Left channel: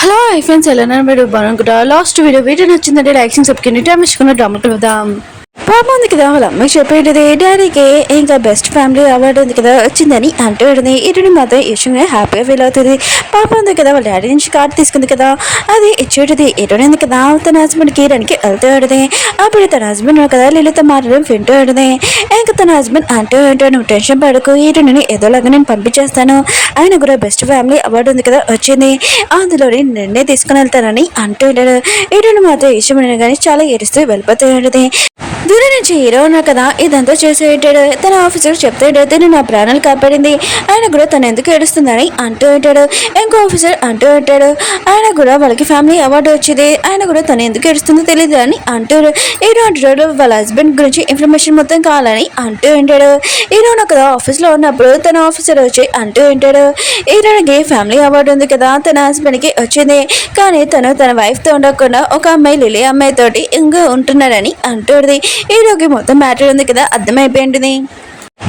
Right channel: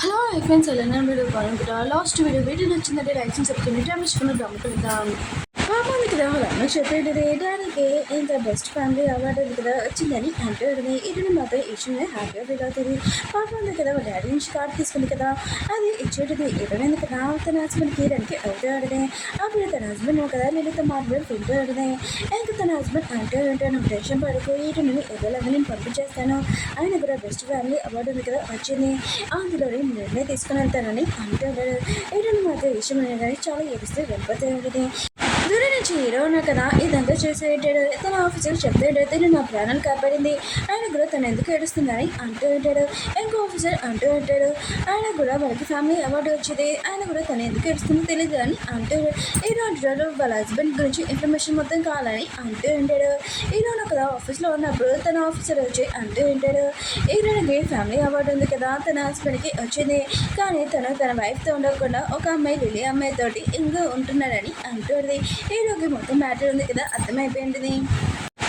Hello hi friends ఎలా మీరు బాగుంటారా last video నచ్చిందంటే లైక్ చేసి సబ్స్క్రైబ్ టైం ఇచ్చుకున్న డ్రామా చూద్దాం. పాప ఉంది కదా వాళ్ళ అమ్మాయి చెప్పేది డాడీకి ఇంకా బెస్ట్ ఫ్యామిలీ అవార్డు ఉంది కదా వచ్చిందని అంటూ ఇటుని మాత్రం ఇష్టంగా హ్యాపీగా ఫీల్ అవుతుంది. పాప ఉంది కదా వాళ్ళ డాడీ నుంచి కార్డు తీసుకుంది కదా అది ఇచ్చేటిది ఇటునింది కదా తన హస్బెండ్కి కిరణ్కి వెళ్తూ ఉంటుంది. అప్పుడు తన హస్బెండ్ కదా లీలతో మాట్లాడడం వింటూ ఉంటుంది. ఇంకా తన హస్బెండ్ అంటూ నువ్వు టెన్షన్ పడకు ఇటుని ఏదోలాగా నేను పంపించేస్తాను, ఆయన కూడా బెస్ట్ ఫ్యామిలీ అవార్డు ఉంది కదా వచ్చింది అందులో నిన్నే తీసుకుని వెళ్తానని అంటూ ఉంటాడు. ఇటుని మాత్రం ఇష్టమైన కానీ చాలా ఏడుస్తూ వెళ్ళిపోతూ ఉంటుంది. దూరం నుంచి హీరో ఉన్నా కదా ఇదంతా చేసేటాడు. తన ఆఫీసర్ చెప్తాడు తను నా ప్రాణాలు కాపాడింది, ఆయన కూడా తను ఎందుకు ఏడుస్తుందని అంటూ ఉంటాడు. ఇంకో ఆఫీసర్ అంటూ ఉంటాడు ఆయన కూడా వాళ్ళకి ఫ్యామిలీ అవార్డు వచ్చింది, ఆయన కూడా తను ఎందుకు ఏడుస్తుందో తెలియదు అని అంటాడు. హీరో అంటాడు వాళ్ళ హస్బెండ్ గురించి ఇన్ఫర్మేషన్ మొత్తం కావాలని అంటూ ఉంటాడు. హీరోను కదా ఆఫీస్లో ఉన్నప్పుడు తన ఆఫీసర్ వచ్చి అంటూ ఉంటాడు హీరోకి ఫ్యామిలీ అవార్డు ఉంది కదా తన హస్బెండ్కి వచ్చింది, కానీ తను తన వైఫ్తో ఉండకుండా ఒక అమ్మాయి లిలీ అమ్మాయితోటి ఇంకా ఉంటున్నాడని అంటుంది. హీరోకి మొత్తం మ్యాటర్ ఉంది కదా అర్థమైపోయింది.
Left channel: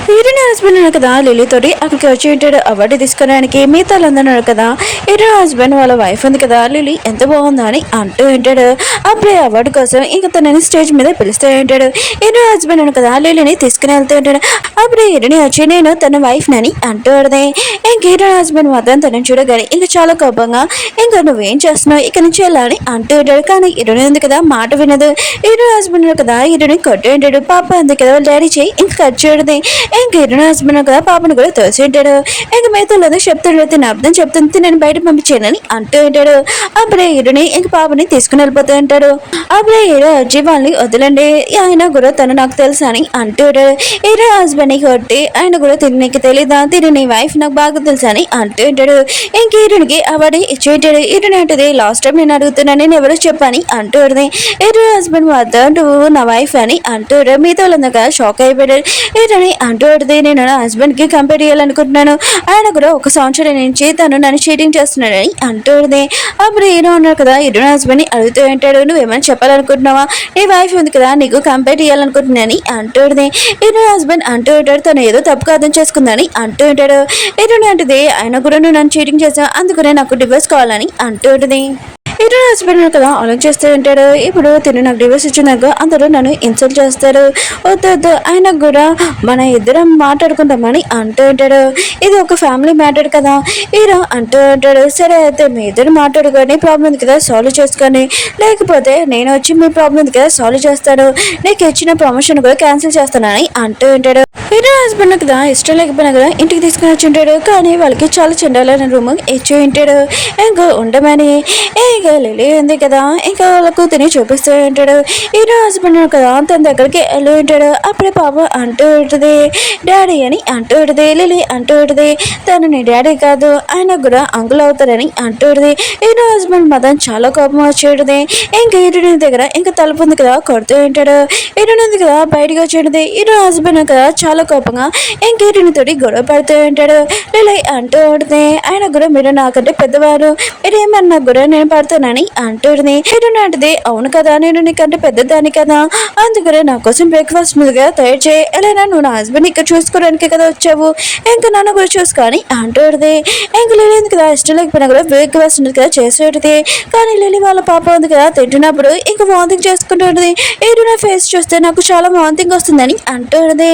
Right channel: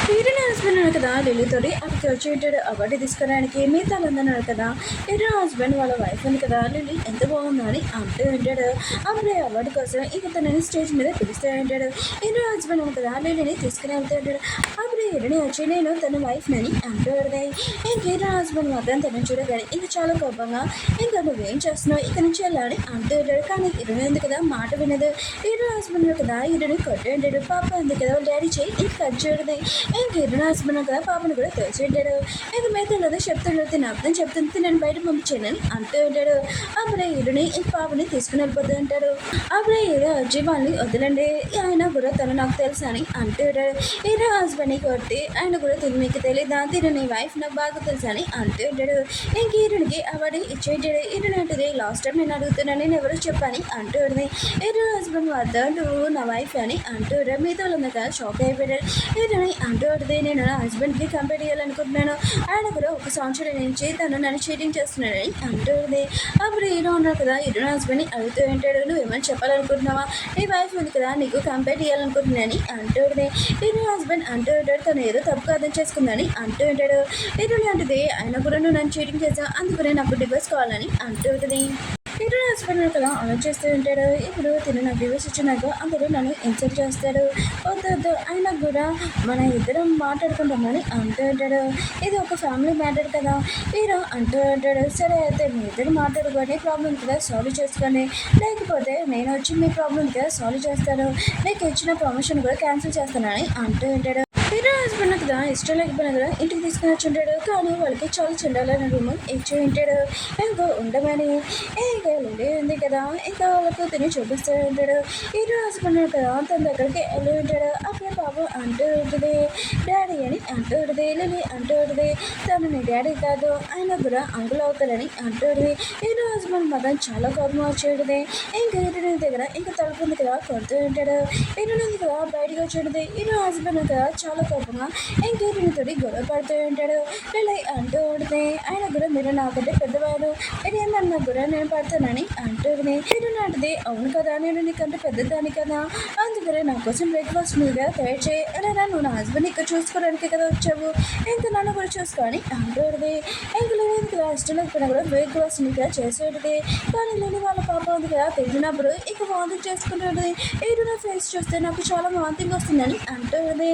హీరోని హస్బెండ్ ఉన్నాడు కదా లిలీతోటి అక్కడికి వచ్చి ఉంటాడు అవార్డు తీసుకోవడానికి. మిగతా అందరూ కదా హీరో హస్బెండ్ వాళ్ళ వైఫ్ ఉంది కదా లిలీ ఎంత బాగుందా అని అంటూ ఉంటాడు. అప్పుడే అవార్డు కోసం ఇంకా తనని స్టేజ్ మీద పిలుస్తూ ఉంటాడు. హీరో హస్బెండ్ ఉన్నాడు కదా లిలీని తీసుకుని వెళ్తూ ఉంటాడు. అప్పుడే హీరోని వచ్చి నేను తన వైఫ్ నని అంటూ ఉంటుంది. ఇంక హీరో హస్బెండ్ మాత్రం తనని చూడగానే ఇంకా చాలా కోపంగా ఇంకా నువ్వేం చేస్తున్నావు ఇక్కడ నుంచి వెళ్ళాలని అంటూ ఉంటాడు. కానీ హీరోని ఉంది కదా మాట వినదు. హీరో హస్బెండ్ ఉన్నాడు కదా హీరోని కొట్టు ఉంటాడు. పాప ఉంది కదా వాళ్ళ డాడీ చేయి ఇంకా కట్ చేయడది. ఇంకా హీరోని హస్బెండ్ కదా పాపను కూడా తోసి ఉంటాడు. ఇంకా మిగతాలో చెప్తాడు తిన అర్థం చెప్తుంది నేను బయట పంపించానని అంటూ ఉంటాడు. అప్పుడే హీరోని ఇంక పాపని తీసుకుని వెళ్ళిపోతూ ఉంటాడు. అప్పుడే హీరో వచ్చి వాళ్ళని వదిలండి ఆయన కూడా తను నాకు తెలుసు అని అంటాడు. హీరో హస్బెండ్ని కొట్టి ఆయన కూడా తిని నీకు తెలీదా తిని నీ వైఫ్ నాకు బాగా తెలుసు అని అంటూ ఉంటాడు. ఇంక హీరోనికి అవార్డు ఇచ్చేటాడు. హీరోని అంటది లాస్ట్ టైం నేను అడుగుతున్నాను నేను ఎవరో చెప్పని అంటుంది. హీరో హస్బెండ్ మాత్రం నువ్వు నా వైఫ్ అని అంటాడు. మిగతా వాళ్ళందాక షాక్ అయిపోయాడు. హీరోని అంటూ నేను నా హస్బెండ్కి కంపేర్ చేయాలనుకుంటున్నాను, ఆయన కూడా ఒక సంవత్సరం నుంచి తను నన్ను చీటింగ్ చేస్తున్నాడని అంటుంది. అప్పుడు హీరో ఉన్నారు కదా హీరో హస్బెండ్ని అడుగుతూ ఉంటాడు నువ్వేమైనా చెప్పాలనుకుంటున్నావా నీ వైఫ్ ఉంది కదా నీకు కంపేర్ చేయాలనుకుంటున్నాని అంటుంది. హీరో హస్బెండ్ అంటూ ఉంటాడు తను ఏదో తప్పుగా అర్థం చేసుకుందని అంటూ ఉంటాడు. హీరోని అంటది ఆయన కూడా నువ్వు నన్ను చీటింగ్ చేసావు అందుకనే నాకు డివోర్స్ కావాలని అంటూ ఉంటుంది. హీరో హస్బెండ్ కదా ఆలోచిస్తూ ఉంటాడు ఇప్పుడు తిను నాకు డివోర్స్ ఇచ్చినాక అందరూ నన్ను ఇన్సల్ట్ చేస్తారు, వద్దు ఆయనకు కూడా మన ఇద్దరం మాట్లాడుకుంటామని అంటూ ఉంటాడు. ఇది ఒక ఫ్యామిలీ మ్యాటర్ కదా హీరో అంటూ ఉంటాడు. సరే అయితే మీ ఇద్దరు మాట్లాడుకొని ప్రాబ్లం ఉంది కదా సాల్వ్ చేసుకొని, లేకపోతే నేను వచ్చి మీ ప్రాబ్లం ఉంది కదా సాల్వ్ చేస్తాను, నీకు ఇచ్చిన ప్రమోషన్ కూడా క్యాన్సిల్ చేస్తానని అంటూ ఉంటాడు. హీరో హస్బెండ్ కదా ఇష్టం లేకపోయినా కదా ఇంటికి తీసుకుని వచ్చి ఉంటాడు. కానీ వాళ్ళకి చాలా చెండాలైన రూమ్ ఇచ్చి ఉంటాడు. ఇంకా ఉండమని ఇంకా లిలీ ఉంది కదా ఇంకా వాళ్ళకు తిని చూపిస్తూ ఉంటాడు. హీరో హస్బెండ్ కదా తన దగ్గరికి వెళ్ళి ఉంటాడు. అప్పుడే పాప అంటూ ఉంటుంది డాడీ అని అంటూ ఉంటుంది. లిలీ అంటూ ఉంటుంది తను నీ డాడీ కాదు ఆయన కూడా అంకుల్ అవుతారని అంటూ ఉంటుంది. హీరో హస్బెండ్ మాత్రం చాలా కోపం వచ్చేది. ఇంకా హీరోని దగ్గర ఇంకా తలుపు ఉంది కదా కొడుతూ ఉంటాడు. హీరోని ఉంది కదా బయటకు వచ్చేది. హీరో హస్బెండ్ కదా చాలా కోపంగా ఇంకా హీరోనితోటి గొడవ పడుతూ ఉంటాడు. లిలీ అంటూ ఉంటుంది ఆయన కూడా మీరు నాకంటే పెద్దవారు మీరు ఏమన్నా కూడా నేను పడతానని అంటుంది. హీరోని అంటది అవును కదా నేను నీకంటే పెద్దదాన్ని కదా అందుకనే నా కోసం బ్రేక్ఫాస్ట్ ముందుగా తయారు చేయి, ఎలా నువ్వు నా హస్బెండ్ ఇక్కడ చూసుకోవడానికి కదా వచ్చావు ఇంకా నన్ను కూడా చూసుకొని అంటుంది. ఇంకా లిలీ ఉంది కదా ఇష్టం లేకపోయినా కూడా బ్రేక్ఫాస్ట్ ఉంది కదా చేసేది. కానీ లిలీ వాళ్ళ పాప ఉంది కదా తింటున్నప్పుడు ఇంకా వాంతింగ్ చేసుకుంటుంది. హీరోని ఫేస్ చూస్తే నాకు చాలా వాంతింగ్ వస్తుందని అంటుంది.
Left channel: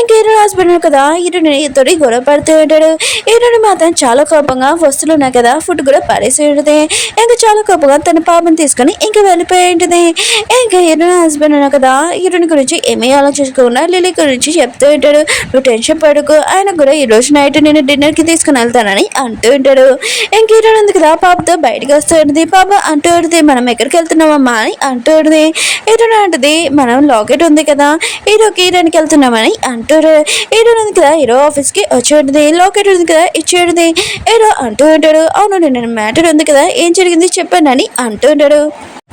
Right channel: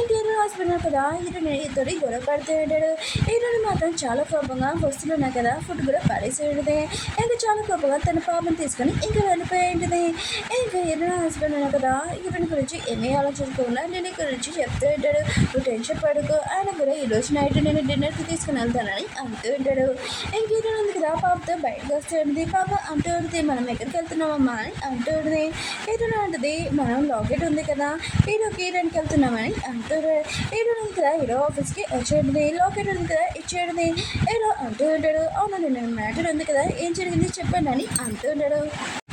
ఇంకా హీరో హస్బెండ్ కదా హీరోని తోటి గొడవ పడుతూ ఉంటాడు. హీరోని మాత్రం చాలా కోపంగా వస్తువులు ఉన్నాయి కదా ఫుడ్ కూడా పడేసి ఉంటుంది. ఇంకా చాలా కోపంగా తన పాపను తీసుకొని ఇంకా వెళ్ళిపోయి ఉంటుంది. ఇంకా హీరో హస్బెండ్ ఉన్నా కదా హీరోని గురించి ఏమీ ఆలోచించకుండా లిలీ గురించి చెప్తూ ఉంటాడు నువ్వు టెన్షన్ పడుకో ఆయన కూడా ఈ రోజు నైట్ నేను డిన్నర్కి తీసుకుని వెళ్తానని అంటూ ఉంటాడు. ఇంక హీరో ఉంది కదా పాపతో బయటకు వస్తూ ఉంటుంది. పాప అంటూ ఉంటుంది మనం ఎక్కడికి వెళ్తున్నామమ్మా అని అంటూ ఉంటుంది. హీరోని అంటది మనం లాకెట్ ఉంది కదా హీరోకి వెళ్తున్నామని అంటారు. హీరో ఉంది కదా హీరో ఆఫీస్కి వచ్చి ఉంటుంది. లాకెట్ ఉంది కదా ఇచ్చేది. హీరో అంటూ ఉంటాడు అవును నేను మ్యాటర్ ఉంది కదా ఏం జరిగింది చెప్పానని అంటూ ఉంటాడు.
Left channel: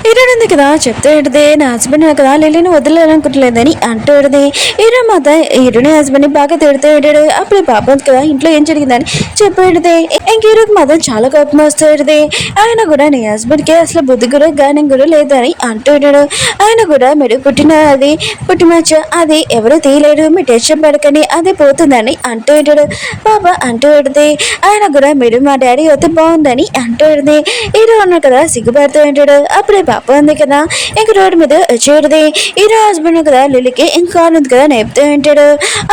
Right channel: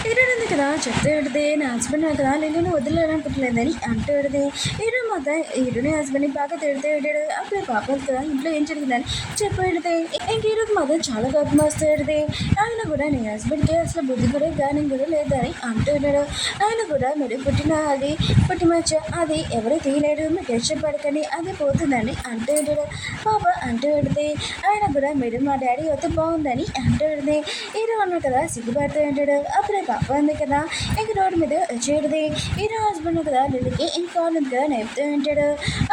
హీరోయిన్ ఉంది కదా చెప్తే ఏంటిది నా హస్బెండ్ కదా లిల్లీని వదిలేదనుకుంటలేదని అంటూ ఏంటిది హీరో మాత హీరోని హస్బెండ్ బాగా తిడుతూ ఉంటాడు. అప్పుడు పాప ఉంది కదా ఇంట్లో ఏం జరిగిందని చెప్పేది. ఇంక హీరోకి మాత్రం చాలా కోపం వస్తుంది. ఆయన కూడా నీ హస్బెండ్ కి అసలు బుద్ధి కూడా జ్ఞానం కూడా లేదని అంటూ ఉంటాడు. ఆయన కూడా మీరు పుట్టిమచ్చ అది ఎవరు తీయలేడు మీ టెన్షన్ పడకని అది పోతుందని అంటూ ఉంటాడు. పాప అంటూ ఉంటుంది. ఆయన కూడా మీరు మా డాడీ అయితే బాగుందని అంటూ ఉంటుంది. హీరో ఉన్నారు కదా సిగ్గుపడుతూ ఉంటాడు. అప్పుడే పాప ఉంది కదా ఇంక రోడ్డు మీద వచ్చేది. హీరో హస్బెండ్ కదా లిల్లీకి ఇంకా ఉంది కదా నేపుతూ ఉంటాడు.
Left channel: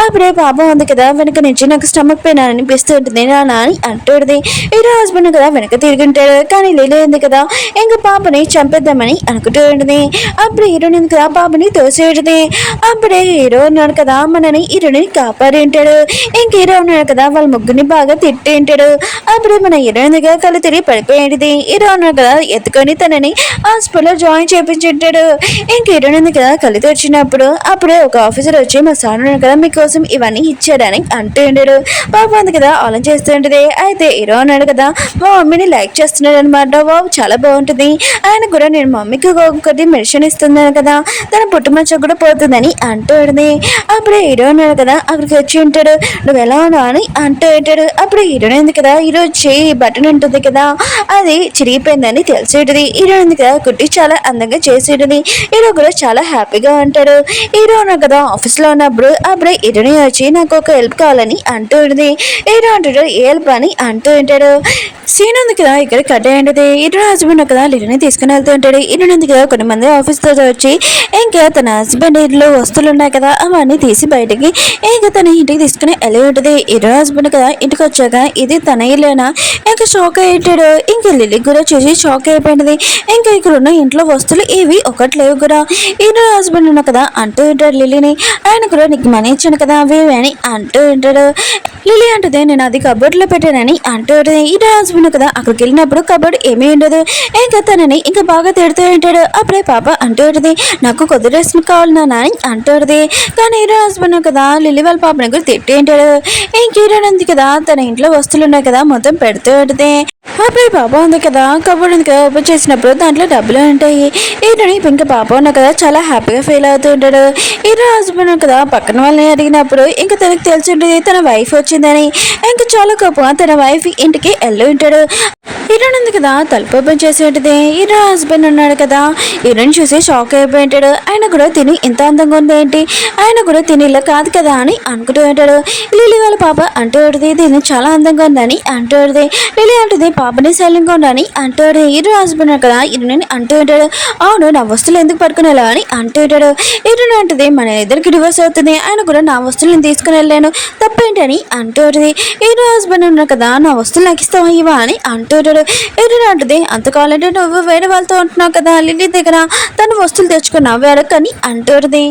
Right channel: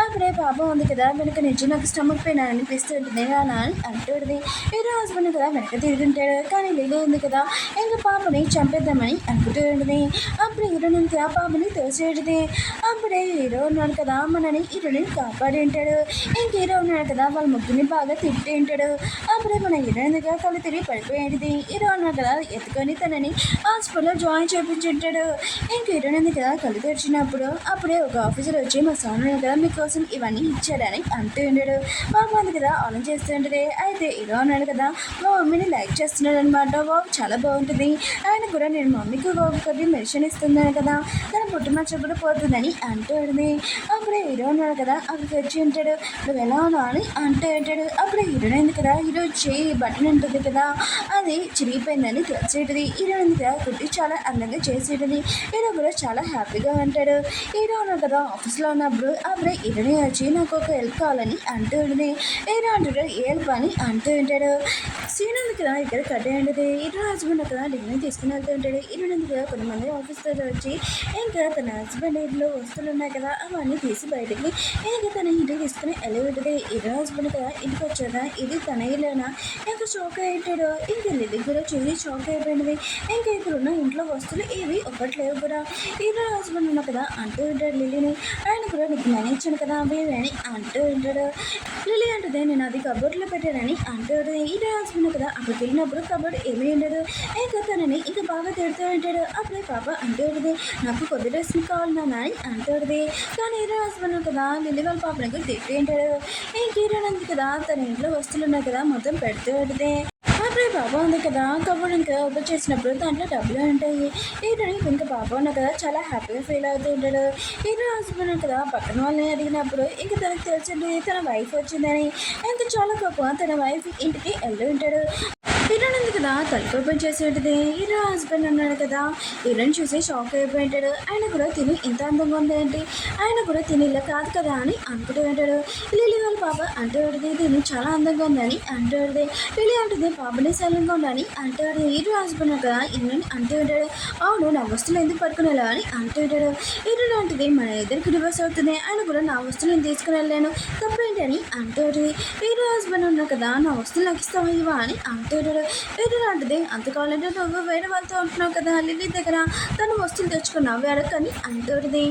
అప్పుడే పాప ఉంది కదా వెనక నుంచి నాకు స్టమక్ పెయిన్ అనిపిస్తూ ఉంటుంది నాన్న అని అంటుంది. హీరో హస్బెండ్ కదా వెనక తిరిగి ఉంటాడు. కానీ లిల్లీ ఉంది కదా ఇంకా పాపని చంపేద్దామని అనుకుంటూ ఉంటుంది. అప్పుడు హీరోని కదా పాపని తోసేది. అప్పుడే హీరో ఉన్నాడు కదా మనని హీరోని కాపాడి ఉంటాడు. ఇంక హీరో ఉన్నాడు కదా వాళ్ళ ముగ్గురిని బాగా తిట్టి ఉంటాడు. అప్పుడే మన హీరోయిన్ దగ్గర కళ్ళు తిరిగి పడిపోయేది. హీరో ఉన్నాడు కదా ఎత్తుకొని తనని హాస్పిటల్లో జాయిన్ చేయించుంటాడు. ఇంక హీరోయిన్ కదా కళ్ళు తెరిచినప్పుడు అప్పుడే ఒక ఆఫీసర్ వచ్చి మా సార్ కదా మీకోసం ఇవన్నీ ఇచ్చాడని అంటూ ఉంటాడు. పాప ఉంది కదా ఆలోచన చేస్తూ ఉంటుంది. అయితే హీరో అన్నాడు కదా మా మమ్మీని లైక్ చేస్తున్నాడు అనమాట. బాబు చాలా బాగుంటుంది. ఆయన కూడా నేను మమ్మీకి కొద్ది మెడిసిన్ ఇస్తున్నాను కదా తన పుట్టుమచ్చ కూడా పోతుందని అంటూ ఉంటుంది. అప్పుడే హీరో అన్నాడు కదా అక్కడికి వచ్చి ఉంటాడు. నువ్వు ఎలా ఉన్నావు అని అంటూ ఉంటాడు. అప్పుడు హీరోయిన్ ఉంది కదా హీరో చేయి బటన్ ఉంటుంది కదా అది చిరిగిపోయిందని తెలిసేటది. హీరో ఉంది కదా కుట్టి చాలా అందంగా చేసేటది. హీరో కూడా చాలా హ్యాపీగా ఉంటాడు. హీరో ఉన్నాడు కదా ఆఫీస్ లో ఉన్నప్పుడు అప్పుడే హీరోని వచ్చి నాకు ఒక హెల్ప్ కావాలని అంటూ ఉంటుంది. హీరో అంటాడు ఏ హెల్ప్ అని అంటూ ఉంటాడు. సీన్ ఉంది కదా ఇక్కడ కట్ అయ్యేది. హీరో హస్బెండ్ కదా లిల్లీని తీసుకుని వెళ్తూ ఉంటాడు. హీరోని ఉంది కదా కొంతమంది ఆఫీస్ తో వచ్చి ఇంకా తన హస్బెండ్ ఇంట్లో వస్తువులు ఉన్నాయి కదా అవన్నీ తీసి బయటికి ఇంకా తన ఇంటికి తీసుకుని వెళ్ళి ఉంటుంది. హీరో హస్బెండ్ కదా ఇంటికి వచ్చాక ఇది తన ఇల్లేనా ఇంకా షాక్ అయ్యాడు. ఇంకా లిల్లీ కూడా చూసి షాక్ అయిపోయింది. ఇంకా ఇక్కడ ఉన్న ఇంట్లో వస్తువులు ఏవి ఒకటి లేవు కూడా. హీరో హస్బెండ్ ఉన్న కదా అంటూ ఉంటాడు లిల్లీని. ఆయన కూడా నీకు మనీ ఇచ్చాను కదా అవి అని అంటూ ఉంటాడు. లిల్లీ అంటుంది నేను అది కబోర్డ్లో పెట్టానని అంటూ ఉంటుంది. హీరో హస్బెండ్ కదా అక్కడికి వెళ్ళినప్పుడు కబోర్డ్ ఏమీ ఉండదు. ఇంకా తనని ఇంకా బాగా తిడుతూ ఉంటాడు. అప్పుడే పాప అంటూ ఉంటుంది నాకు కొద్ది డ్రెస్ కావాలి నాన్న అని అంటూ ఉంటుంది. కానీ హీరో హస్బెండ్ కదా లిల్లీ వాళ్ళ పాపని కూడా తిట్టి ఉంటాడు. ఇంక హీరో ఉంది కదా తన ఇంట్లో వస్తువులు ఉన్నాయి కదా మొత్తం పెడుతూ ఉంటుంది. అప్పుడే పాప ఉంది కదా కబోర్డ్ ఉంది కదా ఓపెన్ చేసినప్పుడు దాంట్లో డబ్బులు ఉంటాయి. హీరోని ఇంకా పాప ఉన్న కదా చాలా హ్యాపీగా ఫీల్ అవుతూ ఉంటాడు. హీరో హస్బెండ్ కదా పక్కన వాళ్ళని అడిగినప్పుడు ఇంకా తనకు తెలిసి ఉంటుంది తన వైఫ్ వచ్చిందని. ఇంకా చాలా కోపంగా తన వైఫ్ ఇంటికి వెళ్ళి ఉంటాడు. హీరోయిన్ ఉంది కదా తలుపు ఓపెన్ చేసి ఉంటుంది. హీరో హస్బెండ్ ఉన్నాడు కదా హీరోయిన్ చూసి షాక్ అయిపోయి ఉంటాడు. ఆయన కూడా తిని ఎంత అందంగా ఉంది ఏంటి ఆయన కూడా తిని ఇలా కాదు కదా అని అనుకుంటూ ఉంటాడు. లిల్లీ వాళ్ళ పాప అంటూ ఉంటుంది దీన్ని చాలా అందంగా ఉందని అంటూ ఉంటుంది. లిల్లీ అంటుంది పాపని శైలంగా ఉండని అంటూ హీరో హస్బెండ్ కదా హీరోయిన్ అంటూ ఉంటాడు. అవును నా వస్తువులు ఎందుకు పట్టుకునేలా అని అంటూ ఉంటాడు. హీరోయిన్ అంటుంది మన ఇద్దరికి డివోర్స్ అవుతుంది ఆయన కూడా నా వస్తువులను తీసుకుని వెళ్ళాను తప్పేంటి అని అంటూ ఉంటుంది. హీరో హస్బెండ్ ఉన్నాడు కదా నా వస్తువులు నాకు ఇస్తావా ఇవా అని అంటూ ఉంటాడు. హీరోయిన్ అంటుంది అంత కావాలంటే నువ్వు వేరే వాళ్ళతో ఉంటున్నావు కదా లిల్లీ దగ్గర తను వస్తువులు తెచ్చుకున్నావు వేరొకని అంటుంది.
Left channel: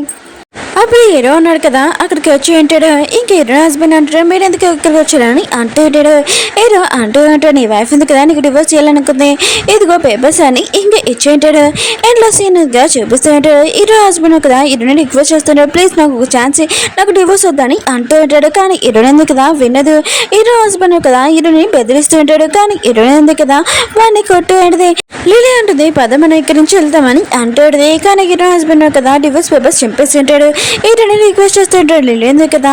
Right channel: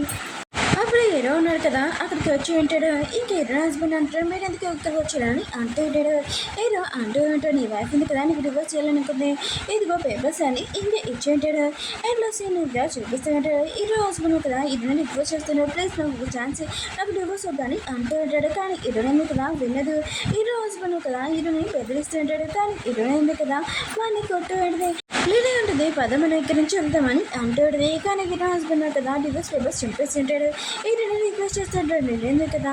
అప్పుడు హీరో ఉన్నాడు కదా అక్కడికి వచ్చి ఉంటాడు. ఇంక హీరో హస్బెండ్ అంటాడు మీరు ఎందుకు ఇక్కడికి వచ్చారని అంటూ ఉంటాడు. హీరో అంటూ ఉంటాడు నీ వైఫ్ ఉంది కదా నీకు డివోర్స్ చేయాలనుకుంది ఇదిగో పేపర్స్ అని ఇంకా ఇచ్చి ఉంటాడు. ఇంట్లో సీన్గా చూపిస్తూ ఉంటాడు. హీరో హస్బెండ్ కదా హీరోని రిక్వెస్ట్ చేస్తున్నాడు ప్లీజ్ నాకు ఒక ఛాన్స్ నాకు డివోర్స్ వద్దని అంటూ ఉంటాడు. కానీ హీరోయిన్ ఉంది కదా వినదు. హీరో హస్బెండ్ కదా హీరోని బెదిరిస్తూ ఉంటాడు. కానీ హీరోయిన్ ఉంది కదా వాడిని కొట్టు ఉంటుంది. లిల్లీ అంటుంది పద మనం ఇక్కడి నుంచి వెళ్తామని అంటాడు. కానీ హీరో హస్బెండ్ కదా డివోర్స్ పేపర్స్ చింపేసి ఉంటాడు. హీరోని రిక్వెస్ట్ చేస్తుంటాడు లిల్లీ ఉంది కదా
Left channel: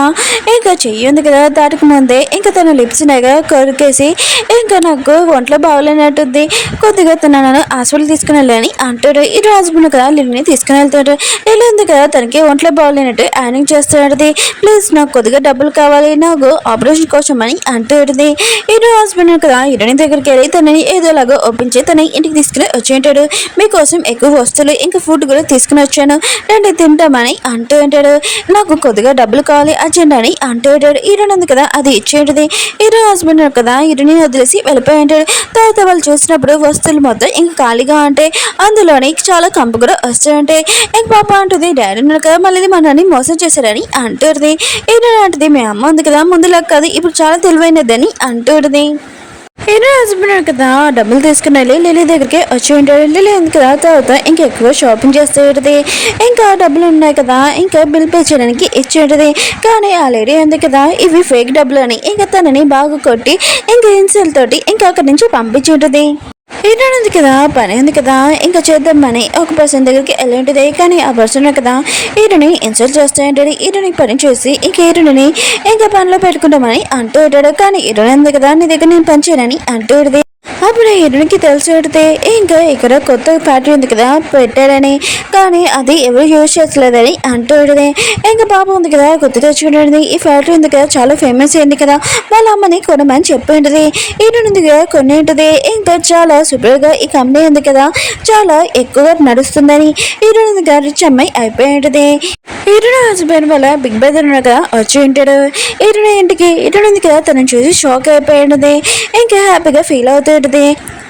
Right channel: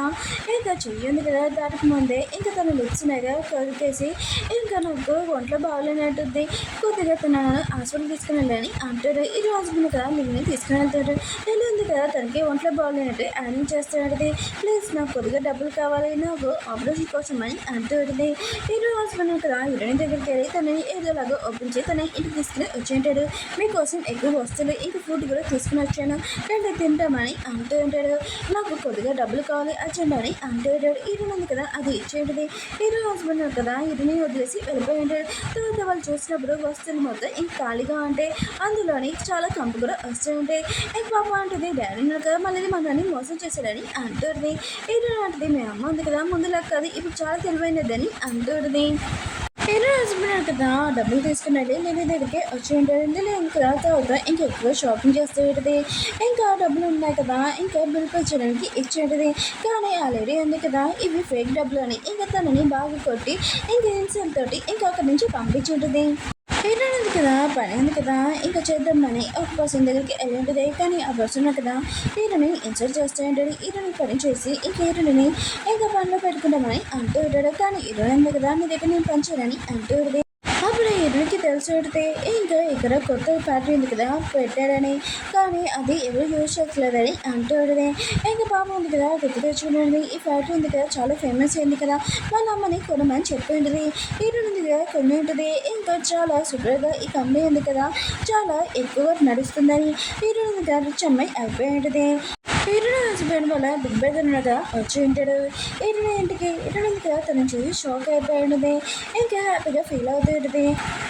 ఇంకా చెయ్యి ఉంది కదా దాటికి ముందే ఇంకా తన లిప్స్ కొరికేసి ఇంకా నాకు ఒంట్లో బాగోలేనట్టుంది కొద్దిగా తనను హాస్పిటల్ తీసుకుని వెళ్ళని అంటాడు. హీరో హస్బెండ్ కదా లిల్లీని తీసుకుని వెళ్తాడు. లిల్లీ ఉంది కదా తనకి ఒంట్లో బాగోలేనట్టు యానింగ్ చేస్తున్నాడు. ప్లీజ్ నాకు కొద్దిగా డబ్బులు కావాలి నాకు ఆపరేషన్ కోసం అని అంటుంది. హీరో హస్బెండ్ కదా హీరోయిన్ దగ్గరికి వెళ్ళి తనని ఏదోలాగా ఒప్పించి తన ఇంటికి తీసుకుని వచ్చి ఉంటాడు. మీకోసం ఎక్కువ వస్తువులు ఇంకా ఫుడ్ కూడా తీసుకుని వచ్చాను రండి తింటామని అంటూ ఉంటాడు. నాకు కొద్దిగా డబ్బులు కావాలి అర్జెంట్ అని అంటూ ఉంటాడు. హీరోయిన్ ఉంది కదా అది ఇచ్చేంటిది. హీరో హస్బెండ్ కదా హీరోని వదిలేసి వెళ్ళిపోయి ఉంటాడు. తర్వాత వాళ్ళు చూసినప్పుడు వస్తువులు మొత్తం ఇంకా ఖాళీగా ఉంటాయి. అందులోని చాలా కంపు కూడా వస్తూ ఉంటాయి. ఇంక పాప అంటుంది డాడీ కదా మళ్ళీ మనని మోసం చేశారని అంటుంది. హీరోయిన్ అంటుంది మీ అమ్మ ఉంది కదా ముందులా కాదు ఇప్పుడు చాలా తెలివైనదని అంటుంది. హీరో హస్బెండ్ కదా డబ్బులు తీసుకుని వెళ్ళి లిల్లీ దగ్గరికి వచ్చి ఉంటాడు. లిల్లీ ఉంది కదా తర్వాత ఇంకా ఎక్కువ షాపింగ్ చేస్తూ ఉంటుంది. ఇంకా డబ్బులు ఉన్నాయి కదా ఇంకా బిల్ పే చేయడానికి ఇచ్చి ఉంటుంది. కానీ ఆ లేడీ ఉంది కదా ఇవి ఫేక్ డబ్బులు అని ఇంకా తనని బాగా కొట్టి ఇంకా ఇన్సెల్ తోటి ఇంకా అక్కడి నుంచి పంపించి ఉంటుంది. హీరోయిన్ ఉంది కదా, పని ఉంది కదా, ఇంకా చేద్దామని ఒక పర్సన్ దగ్గరికి వెళ్ళి ఉంటుంది. కానీ ఆ పర్సన్ కదా హీరోని ఇన్సల్ట్ చేస్తూ ఉంటాడు. హీరోని పని చేసి ఇంక హీరోని ఇంకా పనిలో పెట్టుకుంటామని అంటూ ఉంటాడు. కానీ హీరోయిన్ ఉంది కదా, నీ దగ్గర నేను పని చేయనని అంటూ ఉంటుంది. అప్పుడు హీరోనికి తెలిసి పెడితే ఇంకా ఇక్కడ కొత్త ఫ్యాక్టరీ ఉంది కదా పెట్టాడని, కానీ అది ఎవరు యూజ్ చేస్తలేదని అంటూ ఉంటుంది. ఇంకా పాప ఉంది కదా గుర్తు తెచ్చుకుంటుంది. ఈ ఫ్యాక్టరీ ఉంది కదా చాలా ఫేమస్ అయింది కదా, వాళ్ళ అమ్మని కొనమని చెప్పి ఉంటుంది. హీరోయిన్ ఉంది కదా కొన్ని ఉంటుంది. ఇంకా చాలా సూపర్గా ఈ కంపెనీ ఉంది కదా చాలా ఎక్కువగా నడుస్తుందని హీరోయిన్ ఉంది కదా రిచ్ అమ్మాయి అయిపోయి ఉంటుంది. హీరోయిన్ హస్బెండ్ వల్ల బిగ్ బ్రదర్ కదా వచ్చి ఉంటాడు. హీరోయిన్ ఇంటికి హీరోయిన్ ఉంది కదా తనని చూసి షాక్ అయిపోయి ఉంటుంది. ఇంకా హ్యాపీగా ఫీల్ అవుతూ ఉంటుంది.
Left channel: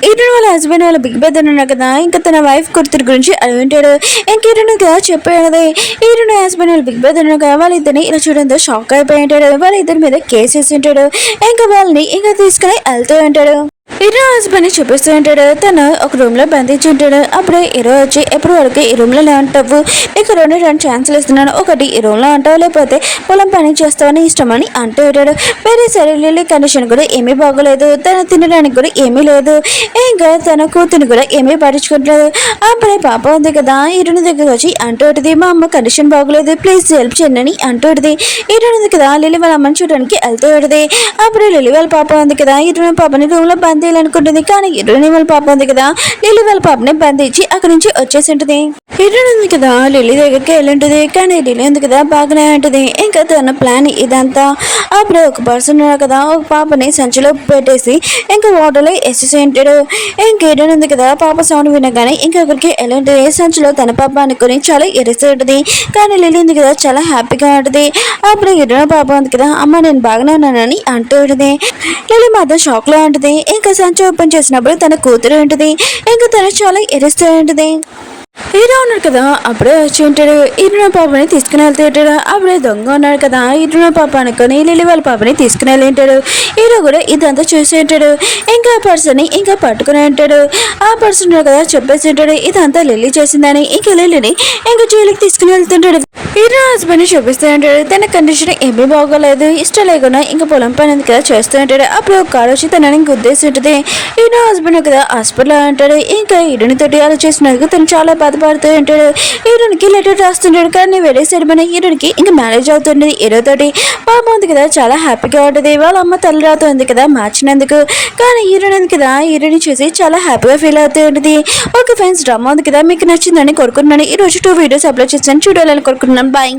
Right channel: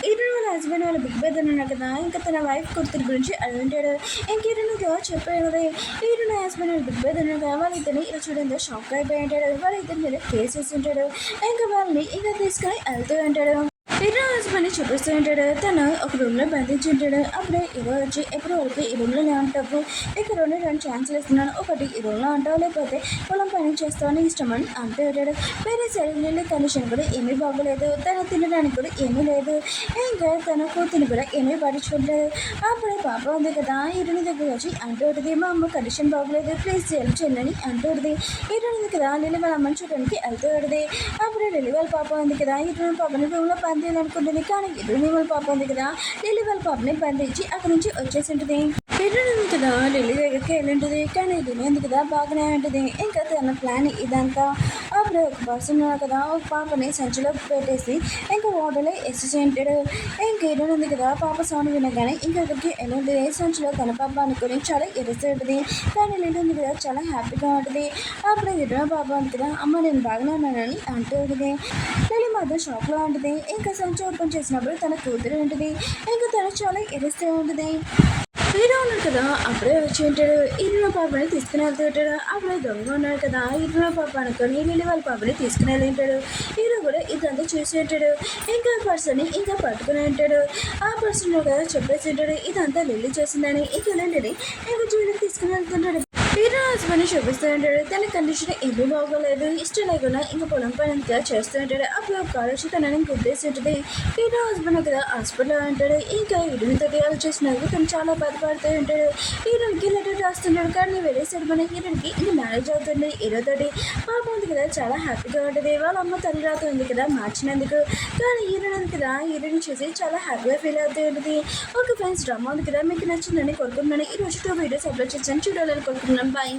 హీరోయిన్ వాళ్ళ హస్బెండ్ వాళ్ళ బిగ్ బ్రదర్ ఉన్నారు కదా, ఇంకా తన వైఫ్ కూతురు గురించి అడుగుంటాడు. ఇంకా హీరోయిన్ కదా చెప్పాడు. హీరోయిన్ హస్బెండ్ వాళ్ళ బిగ్ బ్రదర్ ఉన్నారు కదా, వాళ్ళిద్దరిని ఇలా చూడంతో షాక్ అయిపోయి ఉంటాడు. వాళ్ళిద్దరి మీద కేసు వేసి ఉంటాడు. ఇంకా వాళ్ళని ఇంకా తీసుకుని వెళ్తూ ఉంటాడు. హీరో హస్బెండ్ చూపిస్తూ ఉంటాడు. తను ఒక రూమ్ లో బంధించి ఉంటాడు. అప్పుడే హీరో వచ్చి ఎప్పుడు వరకు ఈ రూమ్ లో ఉంటావు, నీకు రెండు ఛాన్సులు ఇస్తున్నాను, ఒకటి ఈ రూమ్ లో అంటావు లేకపోతే పొలం పని చేస్తావని ఇష్టమని అంటూ ఉంటాడు. వేరే సరే కండిషన్ కూడా ఏమీ బాగోలేదు, తను తినడానికి కూడా ఏమీ లేదు, ఇంకా తన కూతురు కూడా ఏమీ పట్టించుకోవట్లేదు. అప్పుడే పాప ఉంది కదా హీరోని దగ్గర వచ్చి అంటూ ఉంటుంది, మా అమ్మ కండిషన్ బాగోలేదు ప్లీజ్ హెల్ప్ చేయండి అని అంటూ ఉంటుంది. హీరోని ఉంది కదా లిల్లీ వాళ్ళ అమ్మని చూడడానికి వెళ్తూ ఉంటుంది. అప్పుడు లిల్లీ వాళ్ళ పాప ఉంది కదా హీరోయిన్ పాపని రూమ్ లో అనుకుంటుంది. కానీ హీరోయిన్ వాళ్ళ పాప ఉంది కదా లిల్లీ వాళ్ళ పాపని బంధించి అక్కడి నుంచి వచ్చేసి ఉంటుంది. హీరోయిన్ ఉంది కదా లిల్లీ దగ్గరికి వెళ్ళి ఉంటుంది. కానీ లిల్లీ ఉంది కదా బాగానే ఉంటుంది. ఇంకా తన ప్లాన్ ఇదంతా. అప్పుడే ఒక పర్సన్ ఉన్నారు కదా ఒక పాపని సంచిలో పెట్టేసి ఇంకా వాటర్లో వేసేసి ఉంటాడు. ఇంకా హీరోయిన్ ఉంది కదా పాప సౌండ్ వినగానే ఇంకొకరికి వెళ్ళి ఉంటుంది. సంచిలో తన పాప అనుకుని చాలా ఎరిసి ఉంటుంది. కానీ లిల్లీ ఉంది కదా చాలా హ్యాపీగా ఉంటుంది. అప్పుడు హీరోయిన్ పాప ఉంది కదా అమ్మ నేను బాగానే ఉన్నానని అంటూ ఉంటుంది. లిల్లీ మాత్రం షాక్ లో ఉంటుంది. ఇంకా సంచి ఓపెన్ చేసినప్పుడు తన కూతురు ఉంటుంది. ఇంకా తను చాలా ఎరుస్తూ ఉంటుంది. హీరో ఉన్నాడు కదా అప్పుడే వచ్చి ఉంటాడు. హీరోయిన్ పాపని తీసుకుని వెళ్తూ ఉంటాడు. అప్పుడే దొంగ ఉన్నాడు కదా హీరోయిన్ పాప అనుకొని లిల్లీ వాళ్ళ పాపని తీసుకుని వెళ్ళి ఉంటాడు. హీరో కూడా ఇదంతా చూసి ఉంటాడు. ఇంకా ఆ పర్సన్ ఇంకా పట్టుకుని ఉంటాడు. ఆ పర్సన్ కదా చెప్పేసి ఉంటాడు ఇదంతా లిల్లీ చేసిందని. ఇంకా లిల్లీని ఇంకా జైలుకి తీసుకుని వెళ్తుంటాడు. హీరో హస్బెండ్ చూపిస్తూ ఉంటాడు. తన కండిషన్ ఏమీ బాగోలేదు, ఇష్టం లేకుండా ఇంకా పొలం పని కదా చేస్తూ ఉంటాడు. అప్పుడు ఒక కారు వచ్చి తనని గుద్దేసి ఉంటుంది. హీరో హస్బెండ్ కదా హాస్పిటల్ ఉంటాడు. ఇంకా హీరోని తోటి అలా చేసినందుకు తను చాలా బాధపడుతూ ఉంటాడు. హీరోనికి లెటర్ రాస్తుంటాడు. కానీ వేరే సైడ్ మన హీరోనికి ఇంకా మ్యారేజ్ అవుతుంది హీరో తోటి. పాప ఉంది కదా చాలా హ్యాపీగా ఉంటుంది. వాళ్ళ అమ్మ తల్లి రాతుంది కదా మార్చినందుకు. కానీ హీరోయిన్ ఉంది కదా హీరోని చూసి చాలా హ్యాపీగా ఫీల్ అవుతూ ఉంటుంది. ఓకే ఫ్రెండ్స్ డ్రామా ఉంది కదా మీకు నచ్చిందని కోరుకుంటున్నాను. ఈ రోజు 2 వీడియోస్ అప్లోడ్ చేస్తాను, చూడాలని కోరుకుంటున్నాను. బాయ్.